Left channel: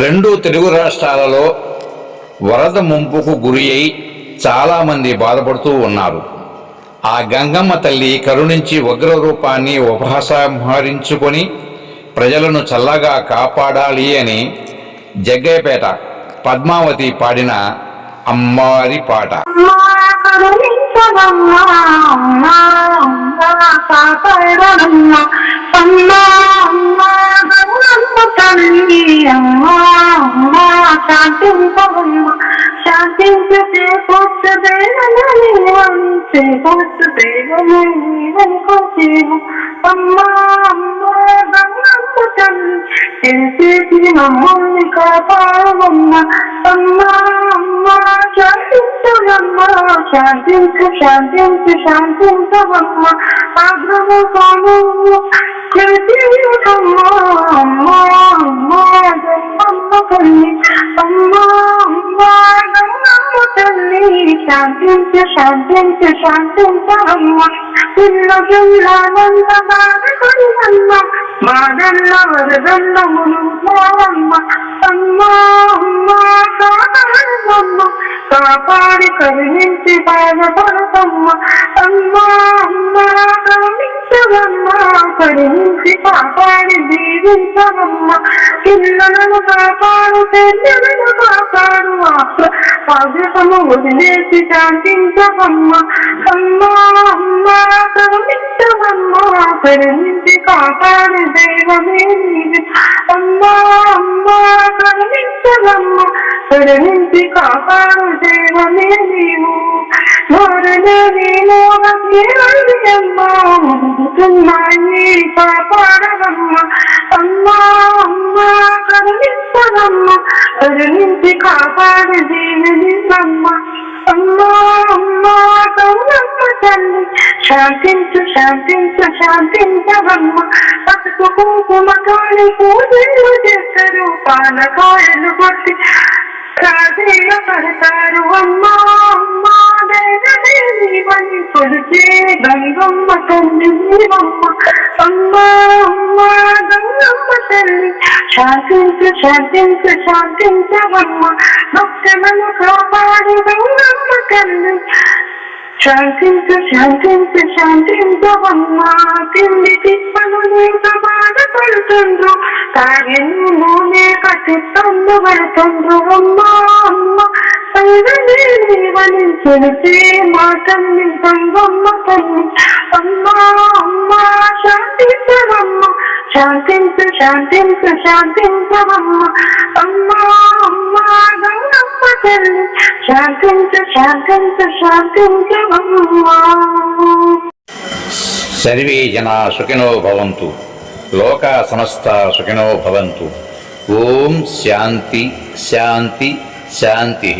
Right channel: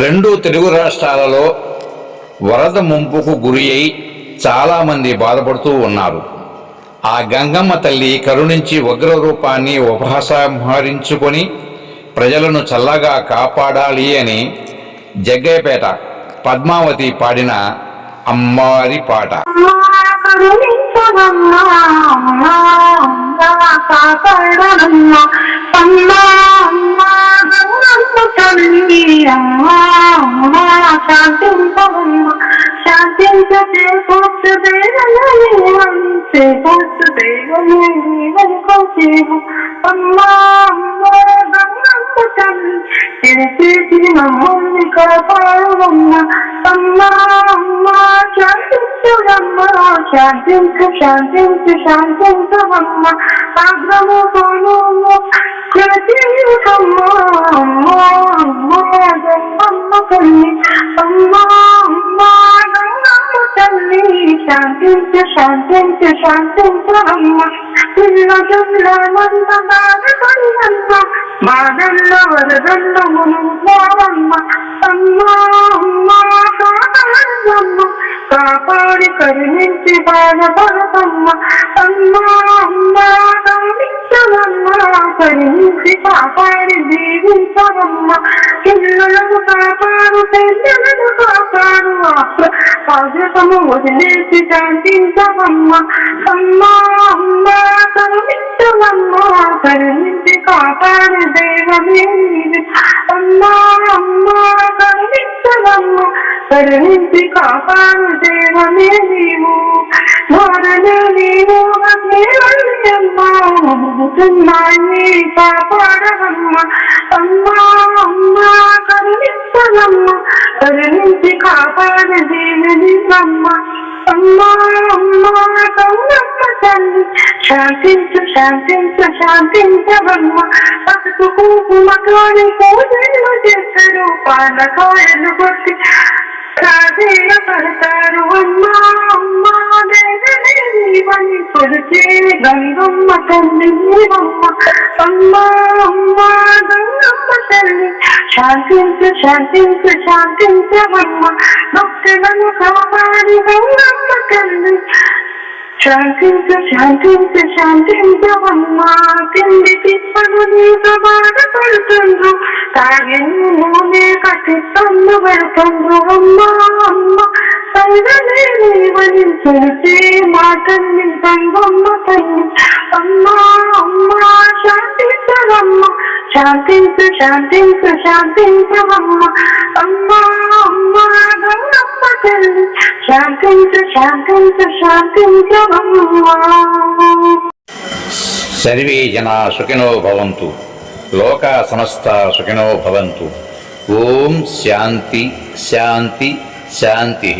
రెండు తెలుగు రాష్ట్రాలలో వరద ముంపుకు గురి అయి చాలామంది బాధపడుతూ ఉన్నారు. ఆ గంగమ్మ తల్లి కరుణించి ఉగ్ర రూపాన్ని ఉపసంహరించుకొని ప్రజలను చల్లగా కాపాడాలి అని జగ్గయ్యపేట పద్మావతి పాడిన అమ్మారి పాట. అమ్మా గౌరమ్మ తల్లి అమ్మా అమ్మా శాంతించవమ్మా శాంతించే కూర్చు దేవనని వంచే దేవని వనుకోసేము అమ్మా అమ్మా గౌరమ్మ తల్లి తెలిసేసి మమ్మల్ని కాపాడవమ్మా అమ్మా అమ్మా శాంతించవమ్మా శాంతించు శాంతించు అగ్రము సోనము అమ్మా శాంతించు శాంతించు శాంతించవమ్మా పిల్ల జల్లానంత బాధపడినమ్మా బాధల్ల వరదల్లమును మోరమ్మ అమ్మా అమ్మా కాపాడమ్మ. కాపాడి కరుణించి బాధపడతమ్మ. అమ్మా అమ్మా కరుణించవమ్మ కరుణించి కాపాడి దీవించవమ్మ పిల్లలను కాపాడు పెద్దలను కాపాడు బాధ్యతను వదిలేసి శాంతించవమ్మ అమ్మా అమ్మా కరుణించవమ్మ కరుణించి కాపాడు దైవమే నీవి. అమ్మా అమ్మా కరుణించవమ్మ కరుణించి కాపాడు దైవమే నీవు. మరణ నేను అమ్మా ముదుగుతున్నాయి కాపాడవమ్మ అమ్మా అమ్మా కరుణించవమ్మ కరుణించి కాపాడు దేవిని అమ్మ అమ్మా అమ్మా కౌనమ్మ తల్లి శాంతించు శాంతించు శాంతించవమ్మ. పసుపు కుంకుమతోని పూజలు చేస్తారు పాలకాయలు కొట్టి కాదీయ పడతారు అమ్మా అమ్మా దేవని కొలిచే గంగమ్మ తల్లి నీవమ్మ అమ్మ అమ్మ గంగమ్మ తల్లి. శాంతించు శాంతించు శాంతించవమ్మ. భక్తులను కాపాడు గంగమ్మ తల్లి. శాంతించు శాంతించు శాంతించవమ్మా. తిండి తిప్పను నీకు బాధపడుతుండ్రు తాగిన నూనె కట్టి కట్టిస్తమ్మ పెడుతుండ్రు అమ్మా. నీవని తెలిసే మాటల్ని సంగమ్మ తల్లి. అమ్మా అమ్మా శాంతించవమ్మ. శాంతించు శాంతించు శాంతించవమ్మ. అమ్మా అమ్మా గౌరమ్మ తల్లి. శాంతించు శాంతించు శాంతించవమ్మ. సర్వే జనా సుఖినో భవంతు. లోకా సమస్త సుఖినో భవంతు. ఓం శాంతి శాంతి శాంతి.